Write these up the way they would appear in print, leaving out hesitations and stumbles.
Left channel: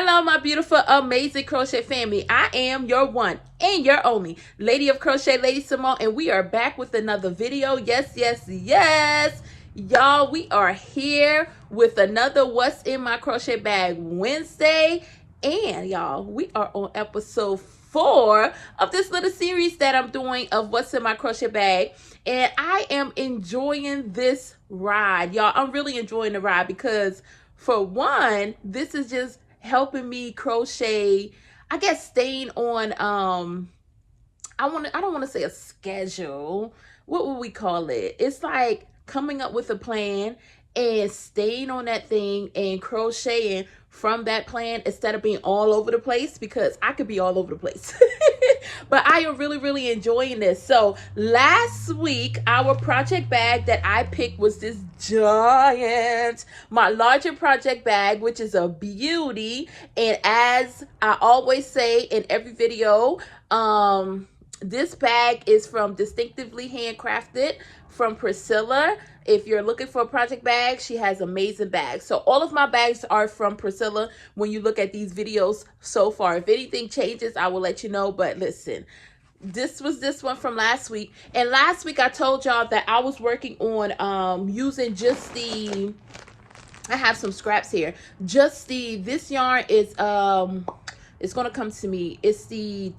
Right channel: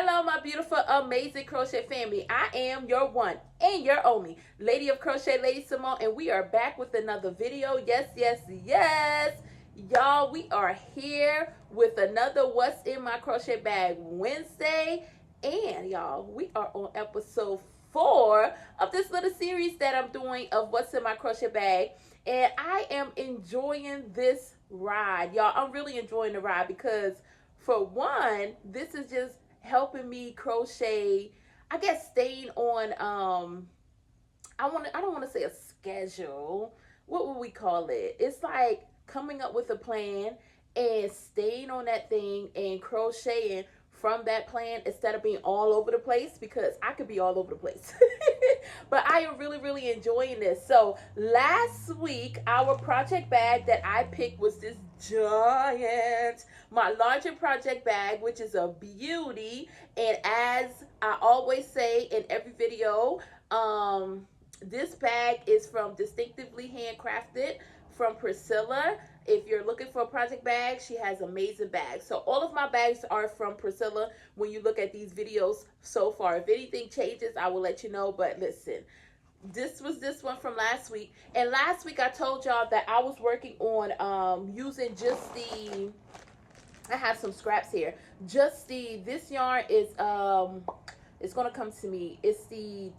Hello, my beautiful, amazing crochet family. I am your one and your only Lady of Crochet, LadySamoan, and we are back with another video. Yes, yes, yes. Y'all, we are here with another What's in My Crochet Bag Wednesday. And y'all, we are on episode 4 of this little series that I'm doing of What's in My Crochet Bag. And I am enjoying this ride. Y'all, I'm really enjoying the ride because for one, this is just helping me crochet, I guess, staying on I don't want to say a schedule. What would we call it? It's like coming up with a plan and staying on that thing and crocheting from that plan instead of being all over the place, because I could be all over the place. But I am really enjoying this. So last week, our project bag that I picked was this giant, my larger project bag, which is a beauty. And as I always say in every video, this bag is from Distinctively Handcrafted from Priscilla. If you're looking for a project bag, she has amazing bags. So all of my bags are from Priscilla when you look at these videos so far. If anything changes, I will let you know. But listen, this was this one from last week. And last week I told y'all that I was working on using just the, I have some scraps here. Just this yarn is, it's going to come to me. It's the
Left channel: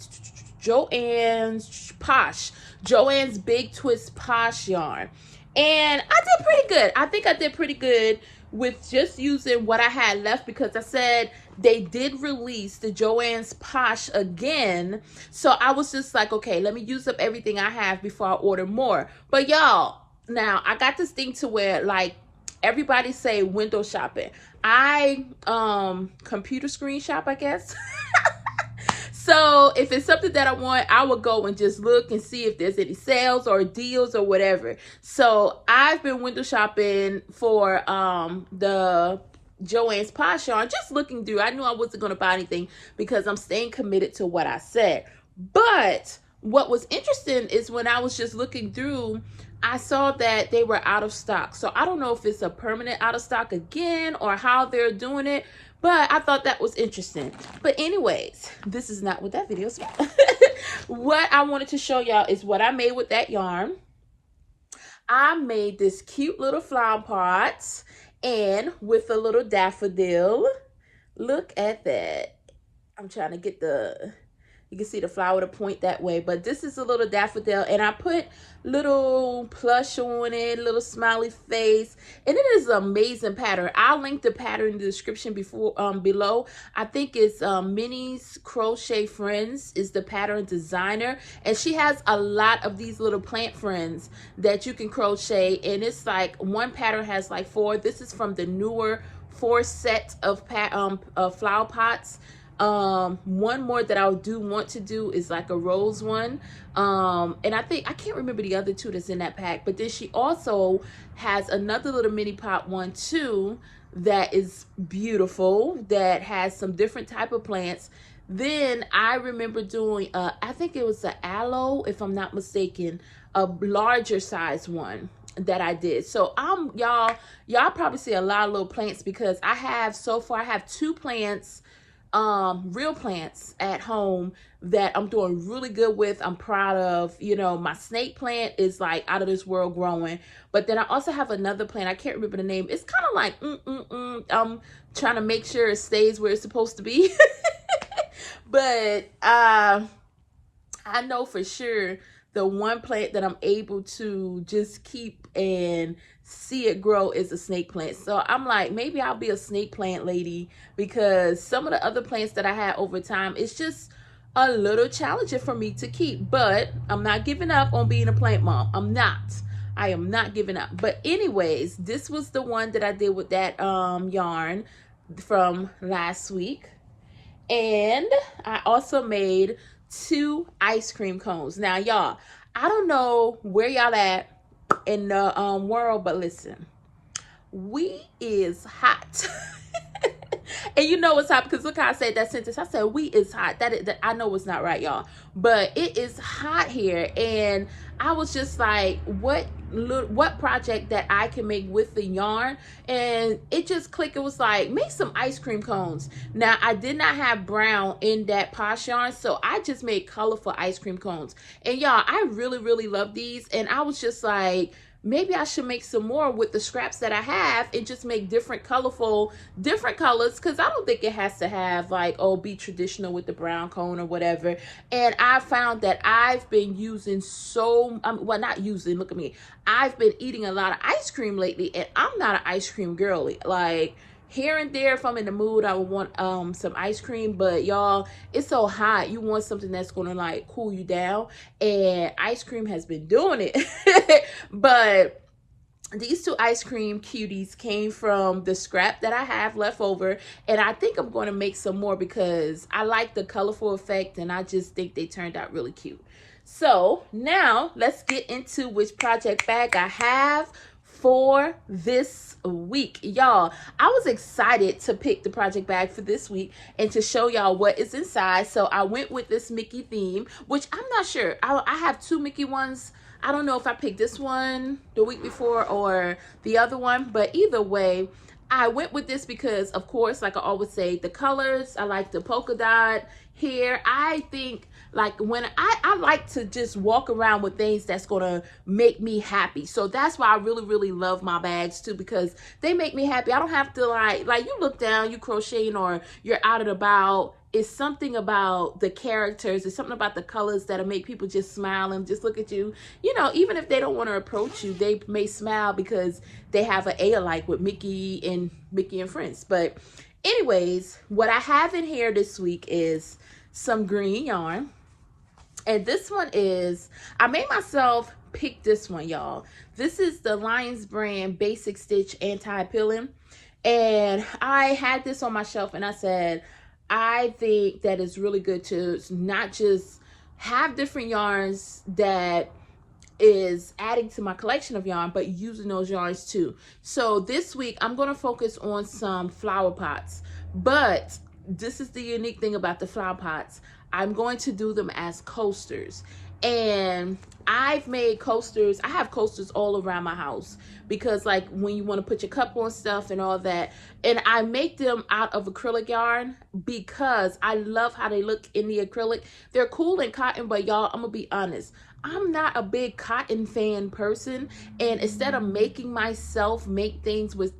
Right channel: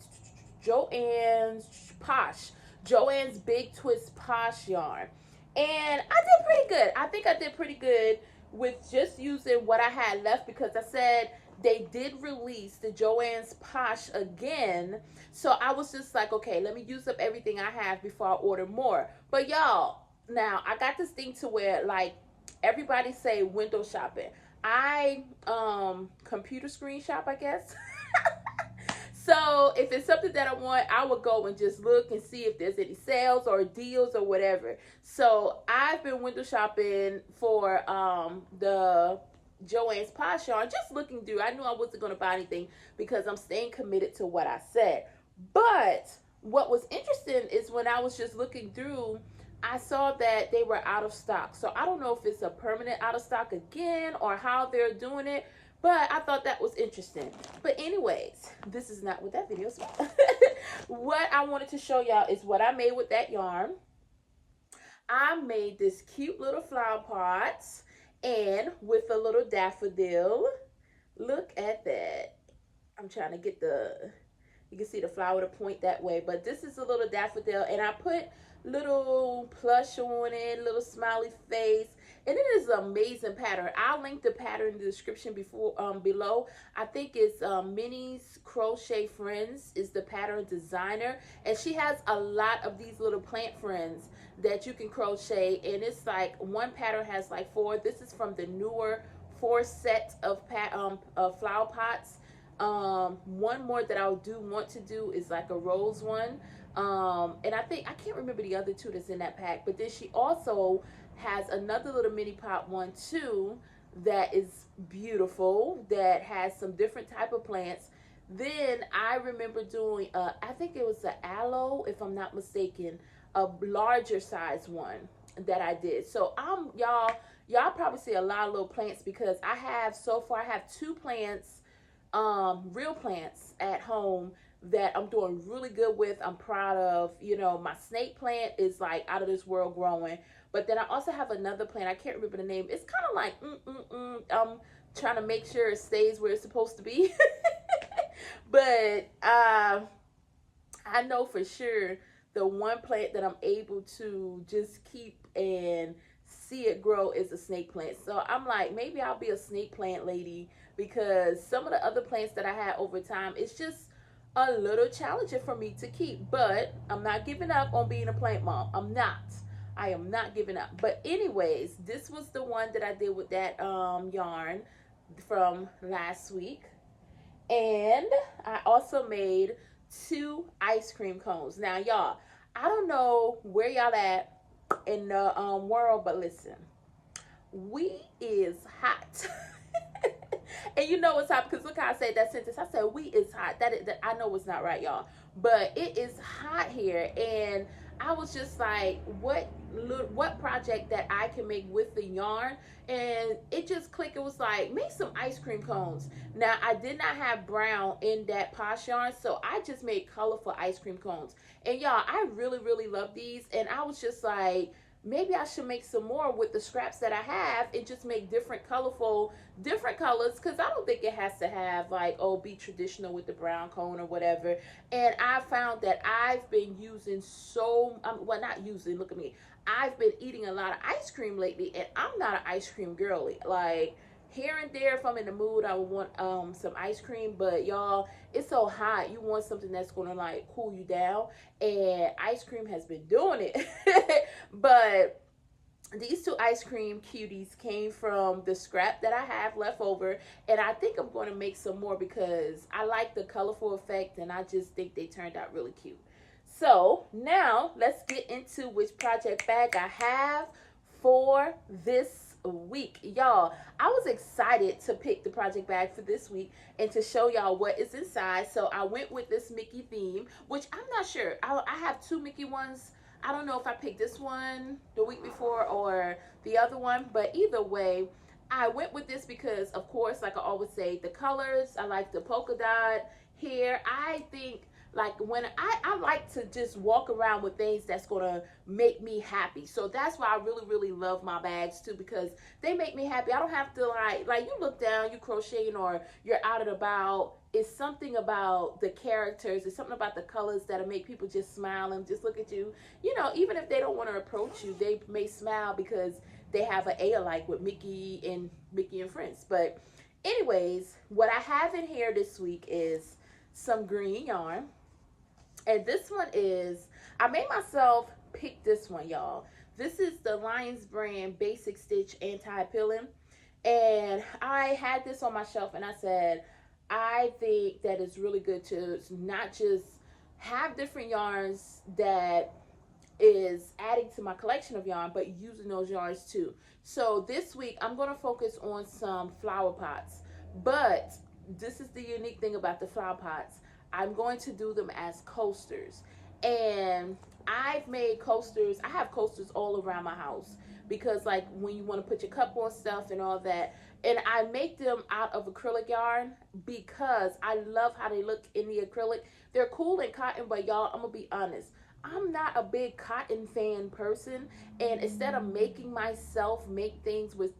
Joann's Posh. Joann's Big Twist Posh yarn. And I did pretty good. I think I did pretty good with just using what I had left, because I said they did release the Joann's Posh again. So I was just like, okay, let me use up everything I have before I order more. But y'all, now I got this thing to where, like, everybody say window shopping. I computer screen shop, I guess. So if it's something that I want, I will go and just look and see if there's any sales or deals or whatever. So I've been window shopping for the Joann's Posh yarn, just looking through. I knew I wasn't going to buy anything because I'm staying committed to what I said. But what was interesting is when I was just looking through, I saw that they were out of stock. So I don't know if it's a permanent out of stock again or how they're doing it, but I thought that was interesting. But anyways, this is not what that video is about. What I wanted to show y'all is what I made with that yarn. I made this cute little flower pot and with a little daffodil. Look at that. I'm trying to get the, you can see the flower to point that way, but this is a little daffodil, and I put little plush on it, little smiley face, and it is an amazing pattern. I'll link the pattern in the description below. I think it's Minnie's Crochet Friends is the pattern designer, and she has a lot of these little plant friends that you can crochet, and it's like one pattern has like 4. This is from the newer 4 set of flower pots. One more that I do want to do is like a rose one. And I think, I can't remember the other 2 that's in that pack, but then she also has another little mini pot one too that is beautiful, that has some different type of plants. Then I remember doing, I think it was the aloe, if I'm not mistaken, a larger size one that I did. So y'all probably see a lot of little plants because I have, so far I have 2 plants, real plants at home that I'm doing really good with. I'm proud of. You know, my snake plant is like out of this world growing, but then I also have another plant, I can't remember the name. It's kind of like I'm trying to make sure it stays where it's supposed to be. But I know for sure the one plant that I'm able to just keep and see it grow is a snake plant. So I'm like, maybe I'll be a snake plant lady, because some of the other plants that I had over time, it's just a little challenging for me to keep. But I'm not giving up on being a plant mom. I am not giving up. But anyways, this was the one that I did with that yarn from last week. And I also made 2 ice cream cones. Now y'all, I don't know where y'all at in the world, but listen, we is hot. And you know it's hot because look how I said that sentence. I said we is hot. That I know it's not right, y'all, but it is hot here. And I was just like, what what project that I can make with the yarn, and it just clicked. It was like, make some ice cream cones. Now I did not have brown in that posh yarn, so I just made colorful ice cream cones. And y'all, I really love these, and I was just like, maybe I should make some more with the scraps that I have and just make different colorful, different colors, because I don't think it has to have like, oh, be traditional with the brown cone or whatever. And I found that I've been using well, not using, look at me, I've been eating a lot of ice cream lately, and I'm not an ice cream girly. Like, here and there, if I'm in the mood, I would want some ice cream, but y'all, it's so hot, you want something that's gonna like cool you down, and ice cream has been doing it. But these two ice cream cuties came from the scrap that I have left over, and I think I'm going to make some more because I like the colorful effect, and I just think they turned out really cute. So now let's get into which project bag I have for this week. Y'all, I was excited to pick the project bag for this week and to show y'all what is inside. So I went with this Mickey theme, which I'm not sure. I have two Mickey ones. I don't know if I picked this one the week before or the other one, but either way, I went with this because, of course, like I always say, the colors, I like the polka dot here. I think, like, when I like to just walk around with things that's gonna make me happy. So that's why I really love my bags too, because they make me happy. I don't have to like you look down, you crocheting, or you're out and about. It's something about the characters, it's something about the colors that'll make people just smile and just look at you. You know, even if they don't want to approach you, they may smile because they have an A-alike with Mickey and Friends. But anyways, what I have in here this week is some green yarn. And this one is, I made myself pick this one, y'all. This is the Lions brand Basic Stitch Anti-Pilling. And I had this on my shelf, and I said, I think that it's really good to not just have different yarns that is adding to my collection of yarn, but using those yarns too. So this week I'm going to focus on some flower pots, but this is the unique thing about the flower pots. I'm going to do them as coasters, and I've made coasters. I have coasters all around my house because, like, when you want to put your cup on stuff and all that, and I make them out of acrylic yarn because I love how they look in the acrylic. They're cool in cotton, but y'all, I'm gonna be honest, I'm not a big cotton fan person, and instead of making myself make things with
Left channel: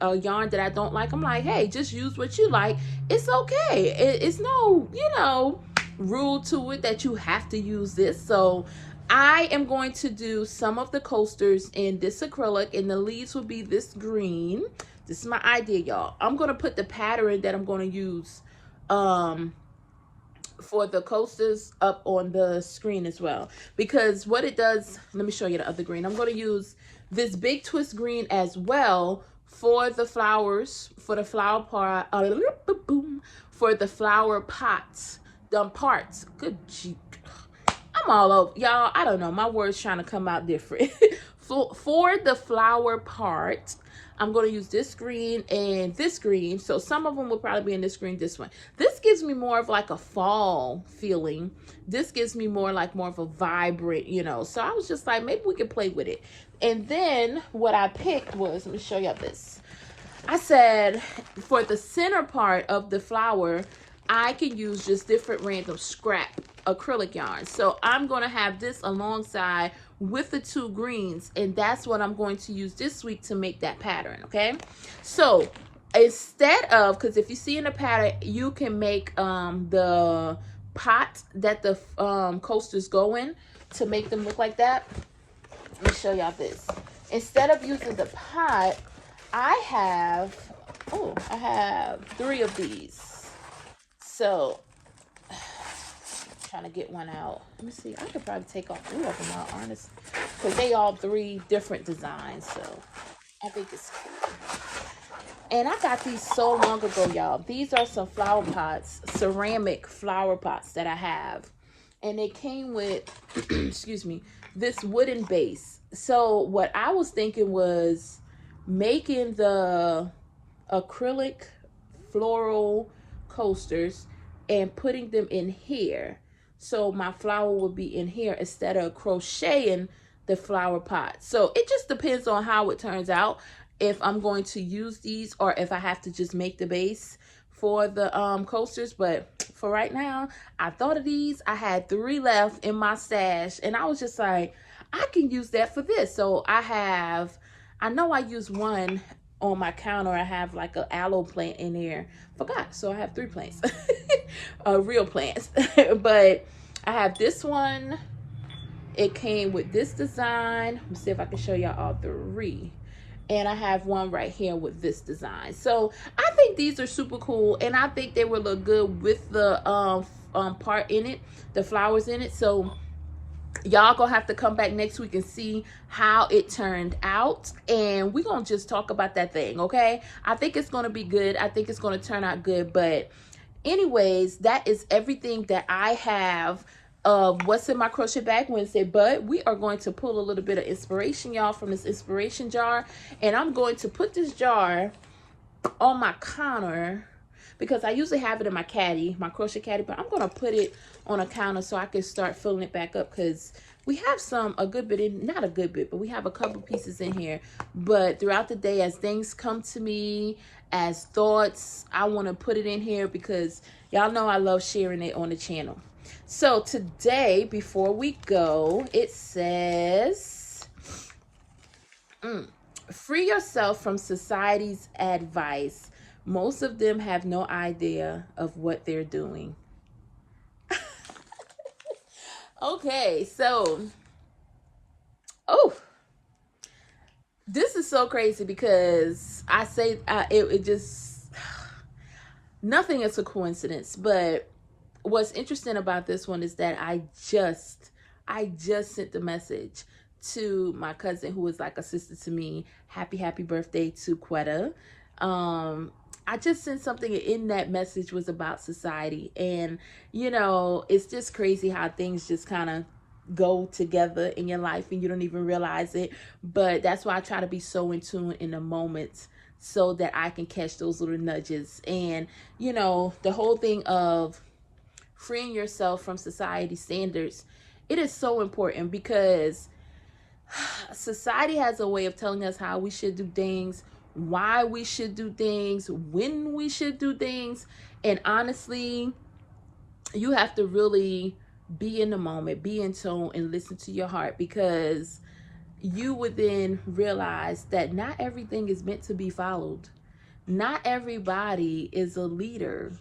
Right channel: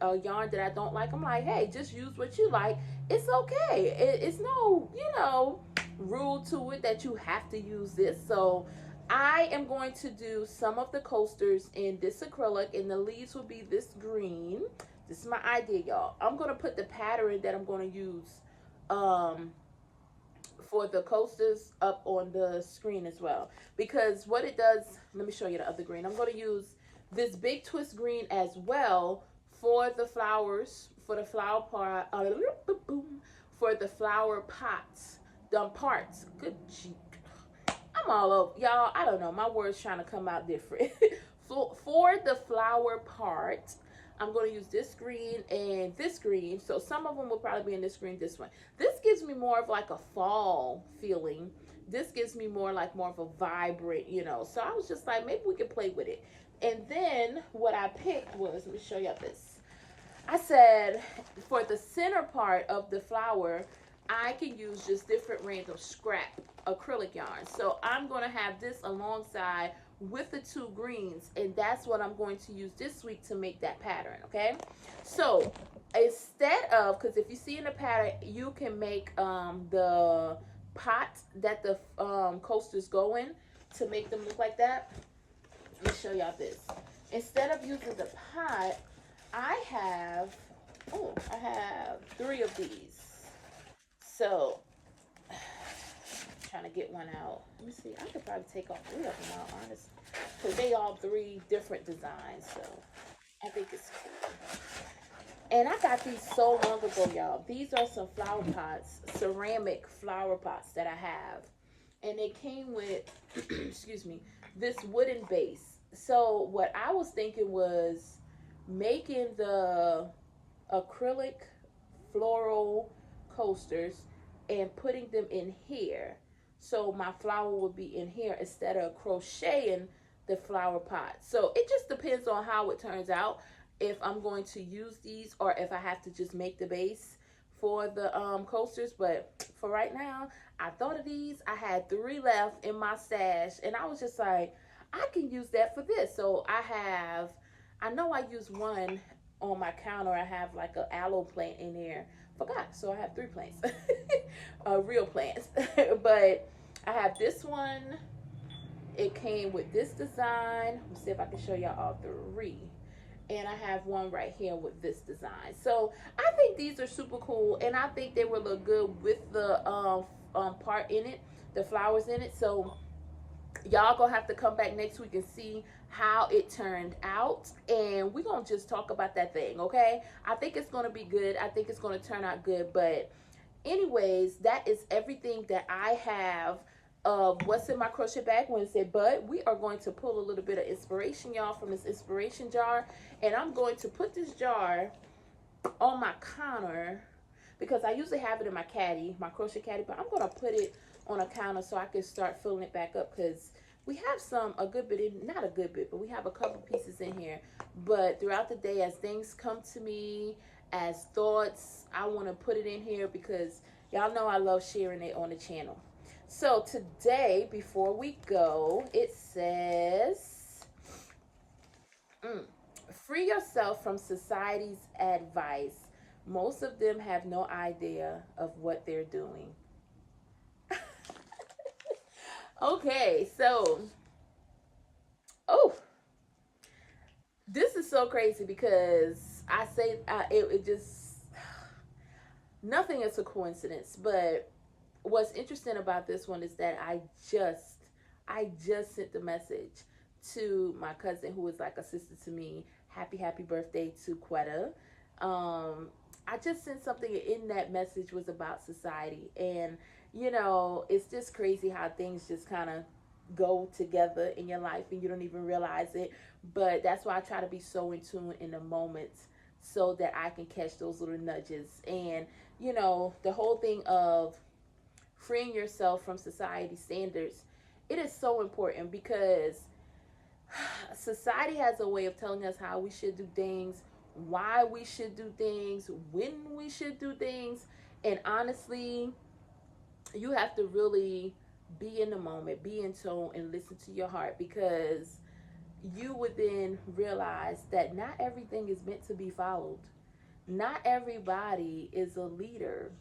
a yarn that I don't like, I'm like, hey, just use what you like. It's okay. It's no, you know, rule to it that you have to use this. So I am going to do some of the coasters in this acrylic, and the leaves will be this green. This is my idea, y'all. I'm going to put the pattern that I'm going to use for the coasters up on the screen as well, because what it does, let me show you the other green. I'm going to use this big twist green as well for the flowers, for the flower part, for the flower pots, parts. Good gee, I'm all over, y'all. I don't know, my words trying to come out different. For the flower part, I'm going to use this green and this green. So some of them will probably be in this green, this one. This gives me more of like a fall feeling. This gives me more of a vibrant, you know. So I was just like, maybe we could play with it. And then what I picked was, let me show y'all this. I said for the center part of the flower, I can use just different random scrap acrylic yarn. So I'm going to have this alongside with the two greens, and that's what I'm going to use this week to make that pattern. Okay, so instead of, because if you see in the pattern, you can make the pot that the coasters go in to make them look like that. Let me show y'all this. Instead of using the pot, I have 3 of these. So trying to get one out. Let me see. I could probably take all 3 of them out, honestly, because they all 3 different designs. So I think it's cool. And I got these so long ago, y'all. These are some flower pots, ceramic flower pots that I have, and they came with excuse me, this wooden base. So what I was thinking was making the acrylic floral coasters and putting them in here, so my flower would be in here instead of crocheting the flower pot. So it just depends on how it turns out, if I'm going to use these or if I have to just make the base for the coasters. But for right now, I thought of these. I had 3 left in my stash, and I was just like, I can use that for this. So I know I used one on my counter. I have like an aloe plant in there. Forgot. So I have 3 plants. Real plants. But I have this one. It came with this design. Let me see if I can show y'all all 3. And I have one right here with this design. So I think these are super cool, and I think they will look good with the part in it, the flowers in it. So y'all gonna have to come back next week and see how it turned out, and we're gonna just talk about that thing, okay? I think it's gonna be good. I think it's gonna turn out good. But anyways, that is everything that I have of what's in my crochet bag Wednesday. But we are going to pull a little bit of inspiration, y'all, from this inspiration jar, and I'm going to put this jar on my counter because I usually have it in my caddy, my crochet caddy, but I'm gonna put it on a counter so I can start filling it back up, because we have a good bit in, not a good bit, but we have a couple pieces in here. But throughout the day, as things come to me, as thoughts, I want to put it in here because y'all know I love sharing it on the channel. So today, before we go, it says, free yourself from society's advice. Most of them have no idea of what they're doing. Okay, so, this is so crazy because I say it just, nothing is a coincidence. But what's interesting about this one is that I just sent the message to my cousin, who is like a sister to me. Happy birthday to Quetta. I just sent something, in that message was about society. And you know, it's just crazy how things just kind of go together in your life and you don't even realize it. But that's why I try to be so in tune in the moments, so that I can catch those little nudges. And you know, the whole thing of freeing yourself from society standards, it is so important, because society has a way of telling us how we should do things, why we should do things, when we should do things. And honestly, you have to really be in the moment, be in tune, and listen to your heart, because you would then realize that not everything is meant to be followed. Not everybody is a leader,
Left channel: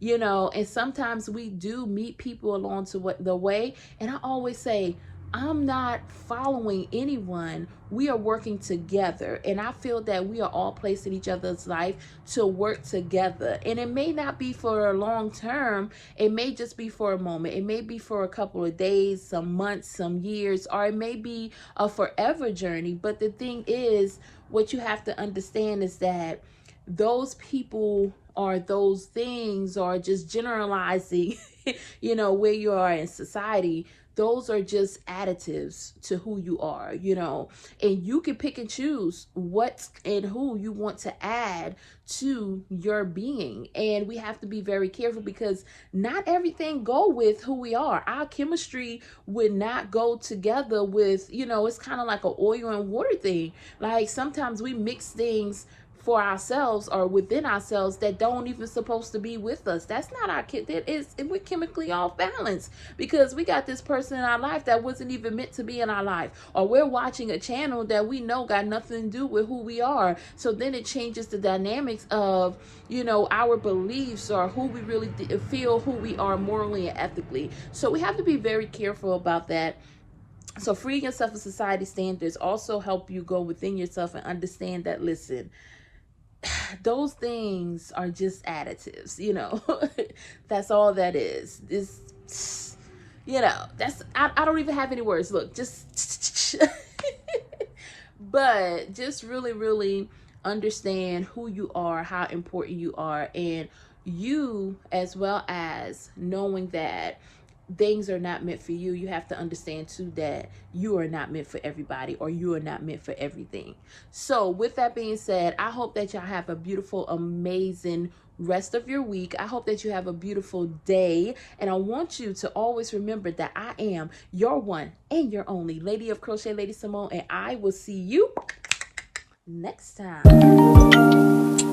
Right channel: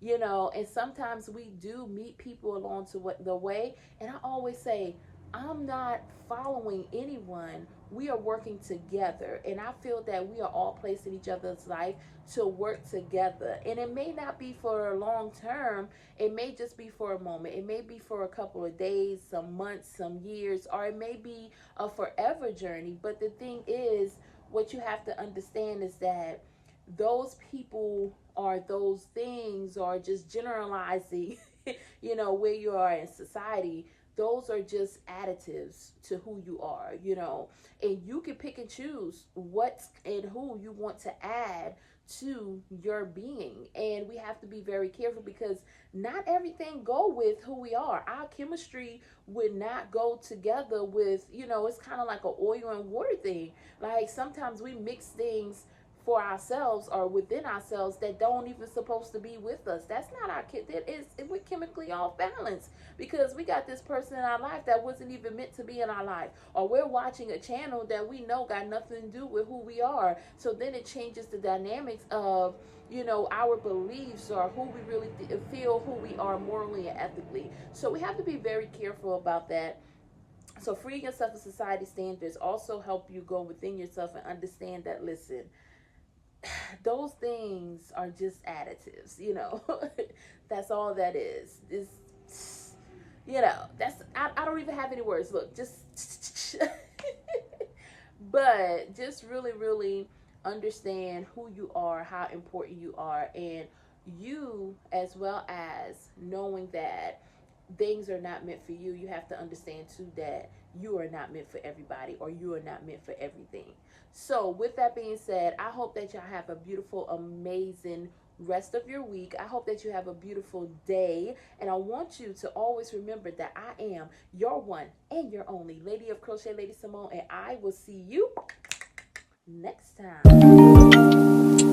you know. And sometimes we do meet people along the way. And I always say, I'm not following anyone. We are working together. And I feel that we are all placed in each other's life to work together. And it may not be for a long term. It may just be for a moment. It may be for a couple of days, some months, some years, or it may be a forever journey. But the thing is, what you have to understand is that those people or those things, or just generalizing, you know, where you are in society, those are just additives to who you are, you know. And you can pick and choose what and who you want to add to your being. And we have to be very careful, because not everything go with who we are. Our chemistry would not go together with, you know, it's kind of like an oil and water thing. Like sometimes we mix things for ourselves or within ourselves that don't even supposed to be with us. That's not our kid. We're chemically off balance, because we got this person in our life that wasn't even meant to be in our life, or we're watching a channel that we know got nothing to do with who we are. So then it changes the dynamics of, you know, our beliefs, or who we really feel who we are morally and ethically. So we have to be very careful about that. So freeing yourself of society standards also help you go within yourself and understand that, listen, those things are just additives, you know. That's all that is. This, you know, that's, I don't even have any words. Look, just but just really understand who you are, how important you are, and you, as well as knowing that things are not meant for you. You have to understand too that you are not meant for everybody, or you are not meant for everything. So with that being said, I hope that y'all have a beautiful, amazing rest of your week. I hope that you have a beautiful day. And I want you to always remember that I am your one and your only Lady of Crochet, Lady Simone. And I will see you next time.